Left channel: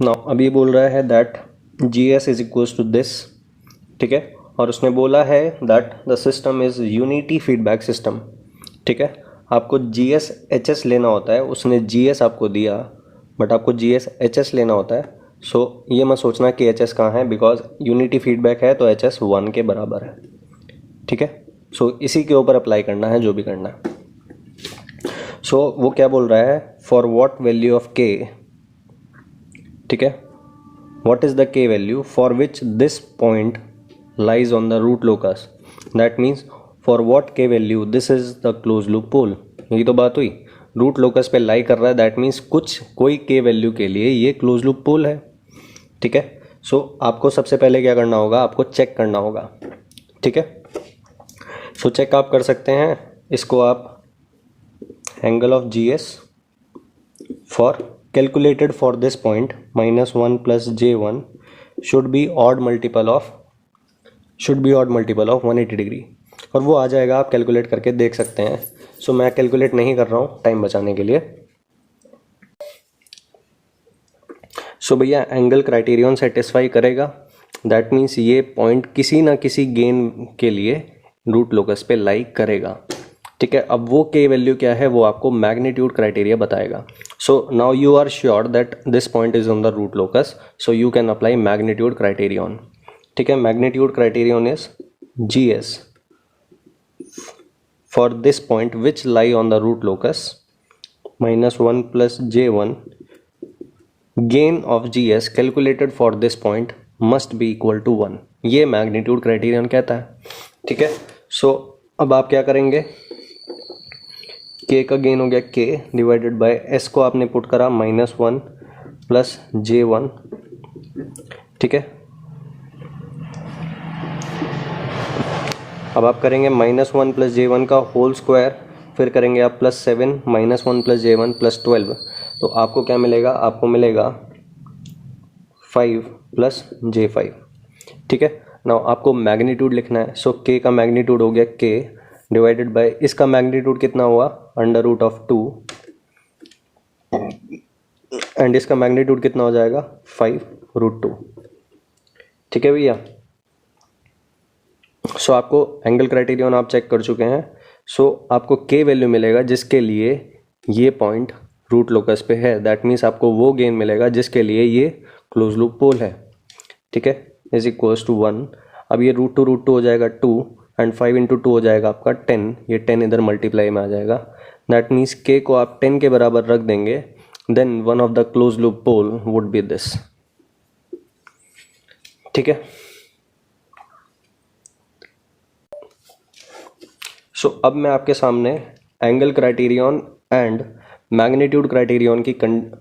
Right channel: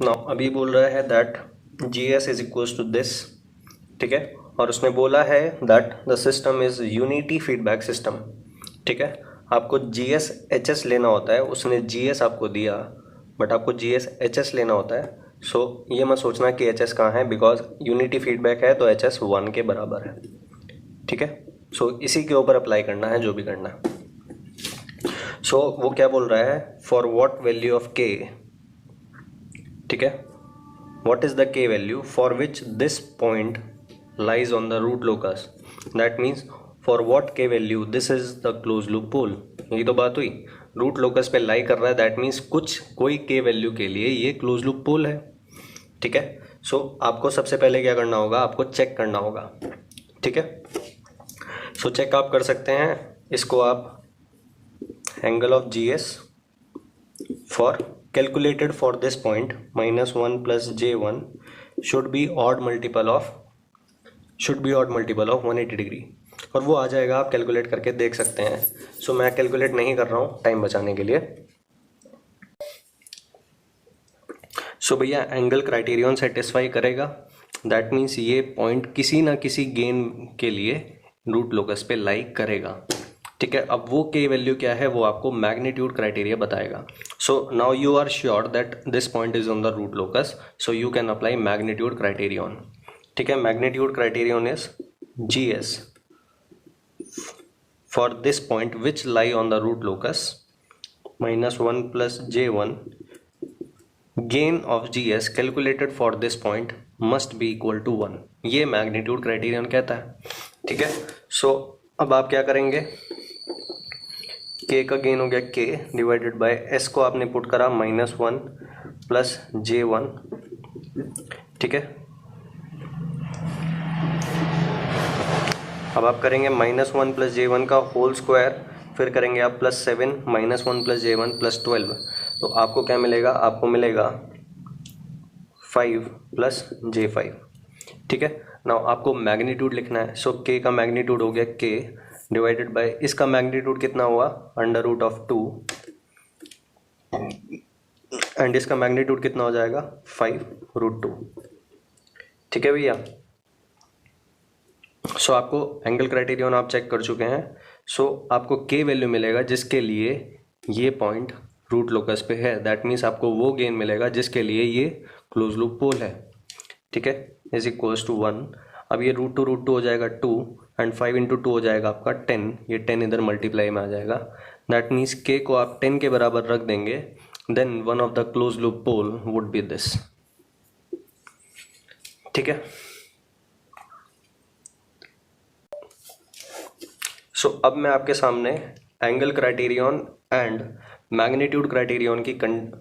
Now अभी बोल रहा है that G S is equals to this, ठीक है, और उसने बोला है that the system is unity feedback system, ठीक है। आपको जी एस एच एस लेना होता है, उसने जी एस आपको दिया बट आपको जी एस एच एस लेना होता है। सो ये मत सोचना कि एच एस कहाँ है, बिकॉज यूनिटी फीडबैक है तो एच एस 1 के बराबर है, ठीक है। सो इसी के ऊपर अप्लाई करना है जो भी करना है। सो वो क्या बोल रहा है, फॉर वॉट वैल्यू ऑफ के, ठीक है, what is the k value for which this point lies on the root locus, that means for what k value this is the closed loop pole। यही तो बात हुई, रूट लोकस पे लाई कर रहा है, दैट मीन्स कोई k वैल्यू के लिए ये क्लोज लूप पोल है, ठीक है। सो आपको सबसे पहले क्या करना होगा, आपको चेक करना होगा, ठीक है। सो चेक आप कर सकते हैं इसको, आप angle of G S for calculated for this point -1 plus j1 should be odd multiple of 180 degree, और वो आ जाएगा, आप कैलकुलेट करके देख सकते हैं। सो मैं कैलकुलेट नहीं कर रहा हूँ टाइम बचाने के लिए। सो भैया एंगल क्राइटेरियन सेटिस्फाई करेगा, दैट मीन्स ये पॉइंट किसी ना किसी गेन के लिए रूट लोकस पे लाई करेगा, ठीक है। अब वो के वैल्यू क्या है वो आपको मैग्नीट्यूड क्राइटेरिया बताएगा। So now you are sure that this point is on the root locus, so you can apply magnitude criterion, ठीक है। Magnitude criterion is G S for this point which lie on the root locus -1 plus j1 gain of G S calculated for this point must be equal to 1, ये magnitude criterion कहता है, ठीक है। So अब आप क्या करेंगे, के का गेन हो गया के डिवाइडेड बाय एस को आपने पुट करा -1 प्लस j1, ठीक है। अब आप करेंगे -1 प्लस j1 का होल स्क्वायर, फिर करेंगे आप +7 -1 प्लस j1 +12, तो आपको क्या मिलेगा, आपको मिलेगा 5 प्लस j5, ठीक है। नाउ आपको मैग्नीट्यूड लिखना है। सो के का मैग्नीट्यूड हो गया के डिवाइडेड बाय इसका मैग्नीट्यूड कितना हुआ √2 एंड इसका मैग्नीट्यूड कितना हो जाएगा 5√2, ठीक है भैया। सो आपको एंगल क्राइटेरियन आप चेक कर चुके हैं। सो आपको के वैल्यू मिलेगा जिसके लिए ये पॉइंट रूट लोकस पे है, दैट मीन्स आपको वो गेन मिलेगा जिसके लिए ये क्लोज लूप पोल है, ठीक है, इज इक्वल्स टू 1। अब ये √2 हो जाएगा 2 एंड 5 × 2 हो जाएगा आपका 10, ये 10 इधर मल्टीप्लाई में आ जाएगा, दैट मीन्स के को आप 10 के बराबर रख देंगे, then one of the close loop pole would be this, ठीक है। सो अब मैं आपके सामने angle criterion and magnitude criterion की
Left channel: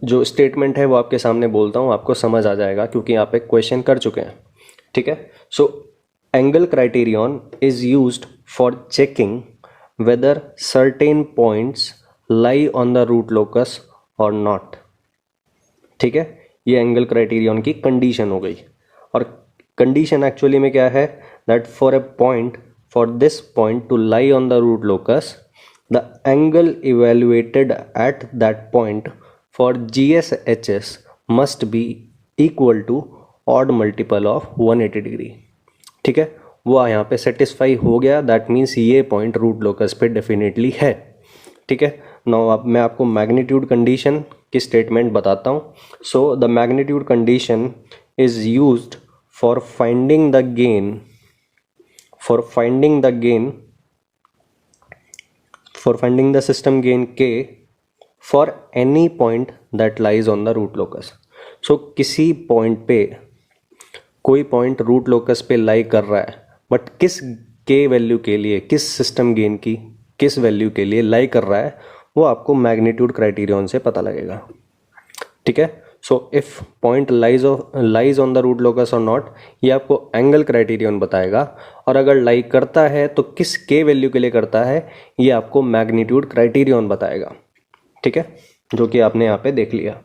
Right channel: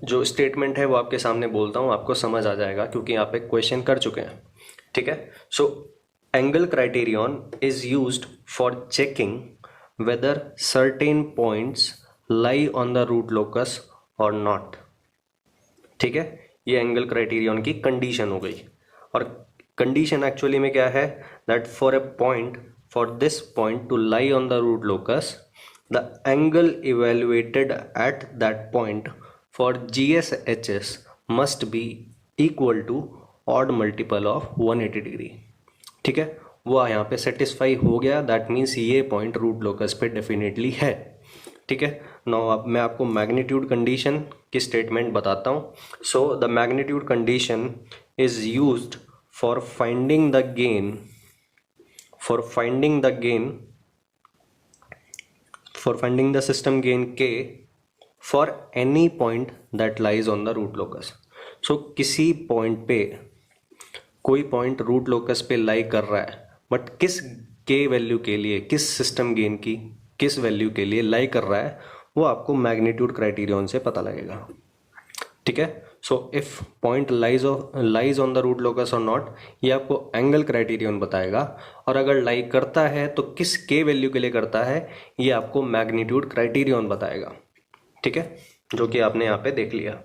जो स्टेटमेंट है वो आपके सामने बोलता हूँ, आपको समझ आ जाएगा क्योंकि आप एक क्वेश्चन कर चुके हैं, ठीक है। So angle criterion is used for checking whether certain points lie on the root locus or not, ठीक है। ये एंगल क्राइटेरियन की कंडीशन हो गई, और कंडीशन एक्चुअली में क्या है, that for this point to lie on the root locus, the angle evaluated at that point for GSHS must be equal to odd multiple of 180 degree, ठीक है। वो यहाँ पे सेटिस्फाई हो गया, दैट मीन्स ये पॉइंट रूट लोकस पे definitely है, ठीक है। नाउ अब मैं आपको मैग्नीट्यूड कंडीशन की स्टेटमेंट बताता हूँ। So the magnitude condition is used for finding the gain for finding the system gain k for any point that lies on the root locus। so किसी पॉइंट पे कोई point root locus पे लाई कर रहा है, but किस के value के लिए, किस सिस्टम गेन की किस वैल्यू के लिए लाई कर रहा है, वो आपको मैग्नीट्यूड क्राइटेरियन से पता लगेगा, ठीक है। So if point lies on the root locus or not, ये आपको एंगल क्राइटेरियन बताएगा, और अगर लाई करता है तो किस के वैल्यू के लिए करता है ये आपको मैग्नीट्यूड क्राइटेरियन बताएगा, ठीक है, जो कि आपने यहाँ पे देख लिया।